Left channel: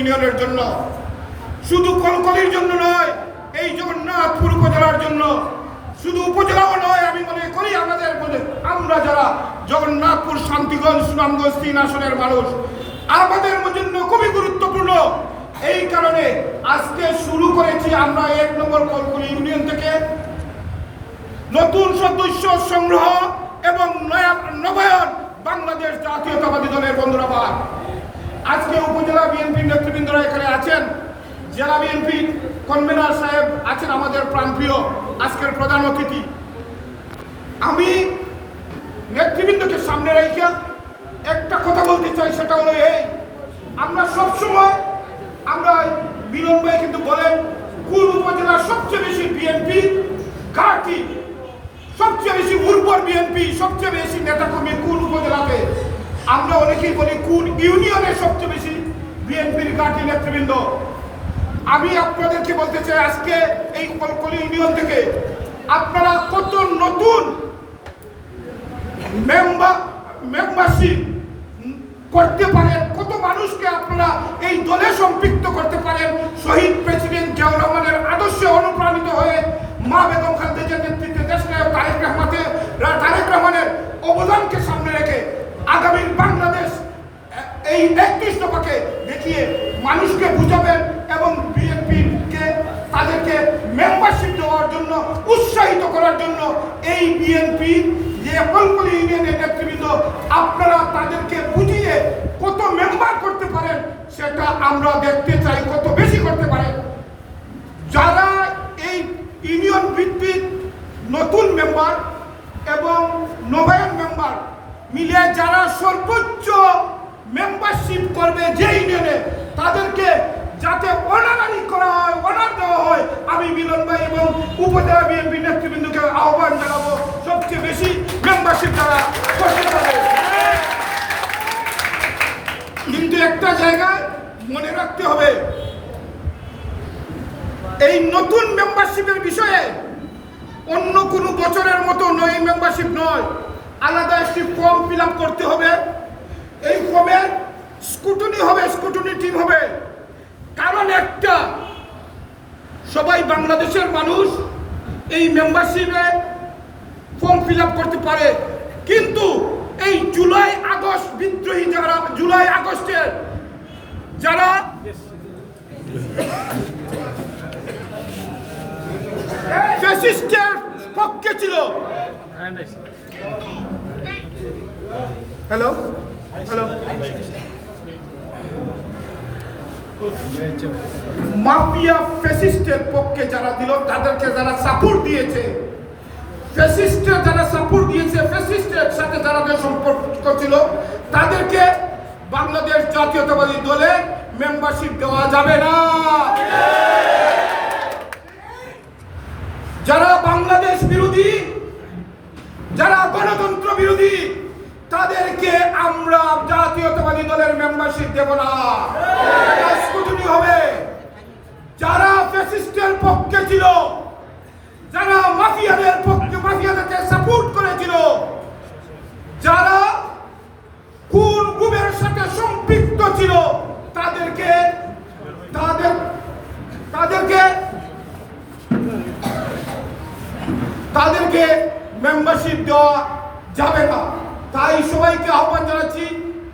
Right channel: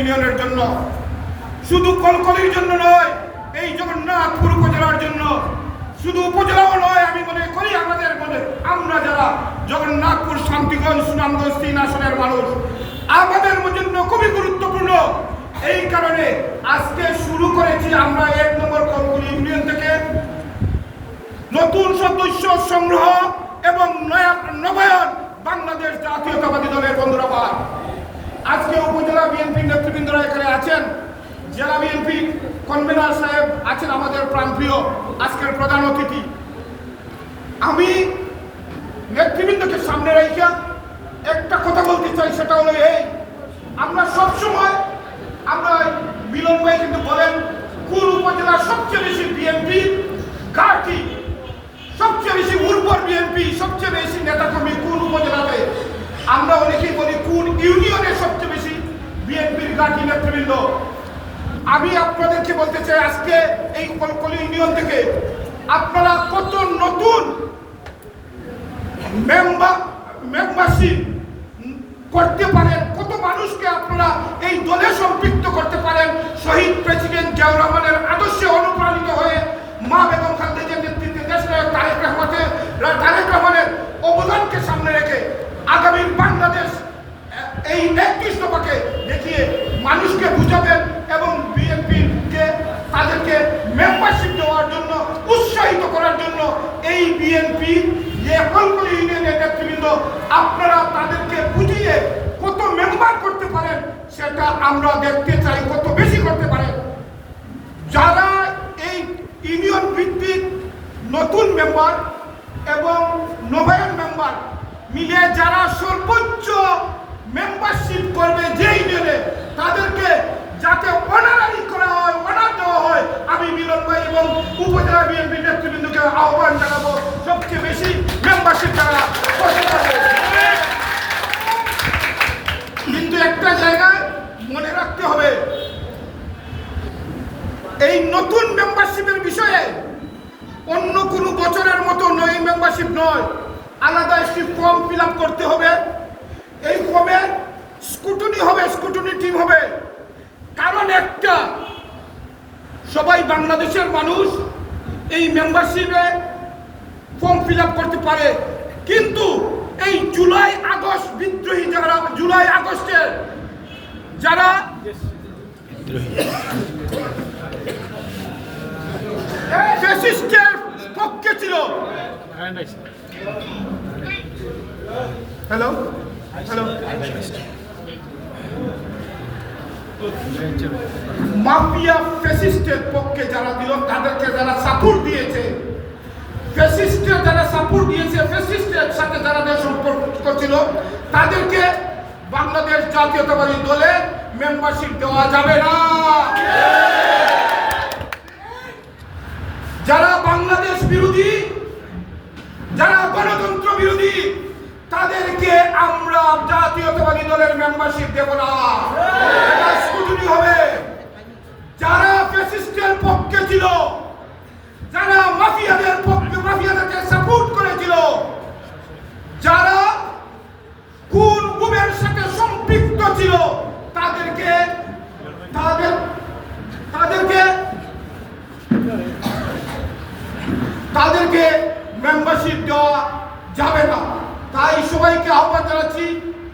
ইউনিয়নের জন্য, শুধু কলকলির জন্য নয়, এই জগন্নাথপুর উপজেলার জন্য, শুধু উপজেলাও নয়, আমি মনে করি আমাদের আমরা যারা জগন্নাথপুর, শান্তিগঞ্জ, সুনামগঞ্জ 3 আসনের মানুষ, আমাদের জন্য খুবই গুরুত্বপূর্ণ। এই কারণে আজকে শুরু করেছি আমরা 1 নম্বর কলকলি ইউনিয়ন থেকে নতুন সদস্য সংগ্রহ এবং নবায়ন বাংলাদেশ জাতীয়তাবাদী দলের বন্ধুরা। আজকে উপজেলা বিএনপি নেতৃবৃন্দরা এখানে আছেন, জেলা বিএনপি কনভেনার সাহেব আছেন, আমাদের প্রাণপ্রিয় আজকের প্রধান অতিথি। আমি নেতৃবৃন্দকে সামনে রেখে একটা কথা বলতে চাই, সেটা হলো এই, আমরা সবসময় আমরা মিলন ভাই কিন্তু বলেন কোন উপজেলার সবচেয়ে বেশি বিএনপি ঘাঁটি, সবচেয়ে বেশি উর্বর বিএনপি, সবচেয়ে বেশি নেতাকর্মী কোন উপজেলাতে, আমরা অনেকেই বলি কোন ইউনিয়নের সবচেয়ে বেশি বিএনপির ঘাঁটি নেতৃবৃন্দ। আমি আপনাদেরকে বলতে চাই আজকে এই কলকলি ইউনিয়ন থেকে আপনারা কত নতুন মেম্বারশিপ করতে পারেন, কত মানুষকে আপনারা এই দলে সম্পৃক্ত করতে পারেন। শহীদ প্রেসিডেন্ট জিয়াউর রহমানের আদর্শে অনুপ্রাণিত হয়ে মা বেগম খালেদার নেতৃত্বে দেশনায়ক তারেক রহমানের অবদানকে সামনে রেখে আগামী বাংলাদেশ এই 31 দফাকে দেখিয়ে মানুষকে বুঝাবেন এবং বিএনপিকে তাদেরকে মেম্বারশিপ দেওয়ার জন্য উৎসাহিত করার জন্য এই বিএনপি যে কলকলি ইউনিয়নের নেতৃবৃন্দ আপনারা তাদেরকে বুঝিয়ে কত মেম্বার করতে পারেন সেটা আমরা দেখতে চাই, কত বেশি করতে পারেন। যারা এই ইউনিয়ন ভিত্তিক নতুন মেম্বার এবং নবায়ন মেম্বার মিলে যারা সর্বোচ্চ মেম্বারশিপ করবে যে ইউনিয়নে, তাদেরকে যাতে অনারারি করা হয়, অনার দেওয়া হয়, আমি মিলন ভাই এবং উপজেলা বিএনপি নেতৃবৃন্দকে আহ্বান জানাবো সবচেয়ে বেশি মেম্বারশিপ যারা করতে পারবে। কিন্তু একটা জায়গায় মনে রাখতে হবে, এই নতুন মেম্বারশিপের বিষয়ে অন্য কোনো বছরের মতো নয়, মেম্বারশিপ নয়, আলাদা একটি ফর্ম ফিল আপ করতে হবে। এই ফর্মে স্ক্রুটিনি হবে, স্ক্রুটিনি টিম হবে। কারণ একটা, সবাই বাংলাদেশের মানুষ এই মেম্বারশিপে ফর্ম ফিল আপ করতে পারে, কিন্তু এই জুলাই আগস্ট বিদ্রোহী যারা, জুলাই আগস্টের যারা ফ্যাসিস্টের পক্ষে ছিল, হ্যালো হ্যালো মাফিয়া ফ্যাসিস্টের পক্ষে যারা দিল, তাদেরকে যারা সাপোর্ট দিয়েছে, ফ্যাসিস্টের যারা সাপোর্ট দিয়েছে, ফ্যাসিস্টের সাথে যারা সম্পর্ক ছিল, তাদেরকে বাংলাদেশ জাতীয়তাবাদী দলে মেম্বারশিপ দেওয়া যাবে না। যারা বাংলাদেশ বিরোধী, যারা গণতন্ত্র বিরোধী, তাদেরকে আমরা জাতীয়তাবাদী দলের মেম্বারশিপ দেব না, স্ক্রুটিনি হবে। যারা ফ্যাসিস্টের পক্ষে ছিল, যারা মাফিয়াদের পক্ষে, মাফিয়াদেরকে সাপোর্ট করেছিল, যারা খুন গুমের সাথে সম্পৃক্ত ছিল, তাদেরকে মেম্বারশিপ দেওয়া যাবে না। তাই সবাইকে আহ্বান জানাচ্ছি,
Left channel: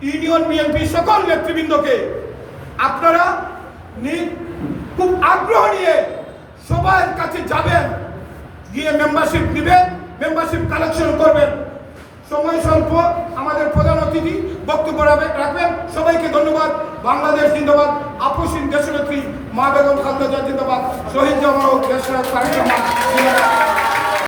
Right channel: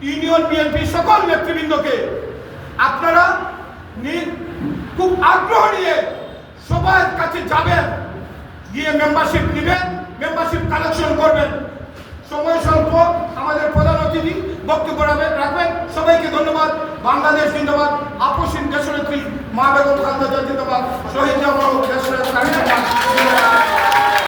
ইউনিয়ন বিএনপি সকল নেতৃবৃন্দকে, আপনারা খুব আগ্রহ নিয়ে সবার কাছে যাবেন, গিয়ে মেম্বারশিপ নেবেন, মেম্বারশিপ কালেকশন করবেন। সময় স্বল্প, আমাদের প্রধান অতিথি বক্তব্য রাখবেন। সবাইকে ধন্যবাদ। বাংলাদেশ জিন্দাবাদ, আপসহীন দেশনেত্রী মা বেগম খালেদা জিন্দাবাদ, শহীদ জামাল দেশনেত্রী জিন্দাবাদ।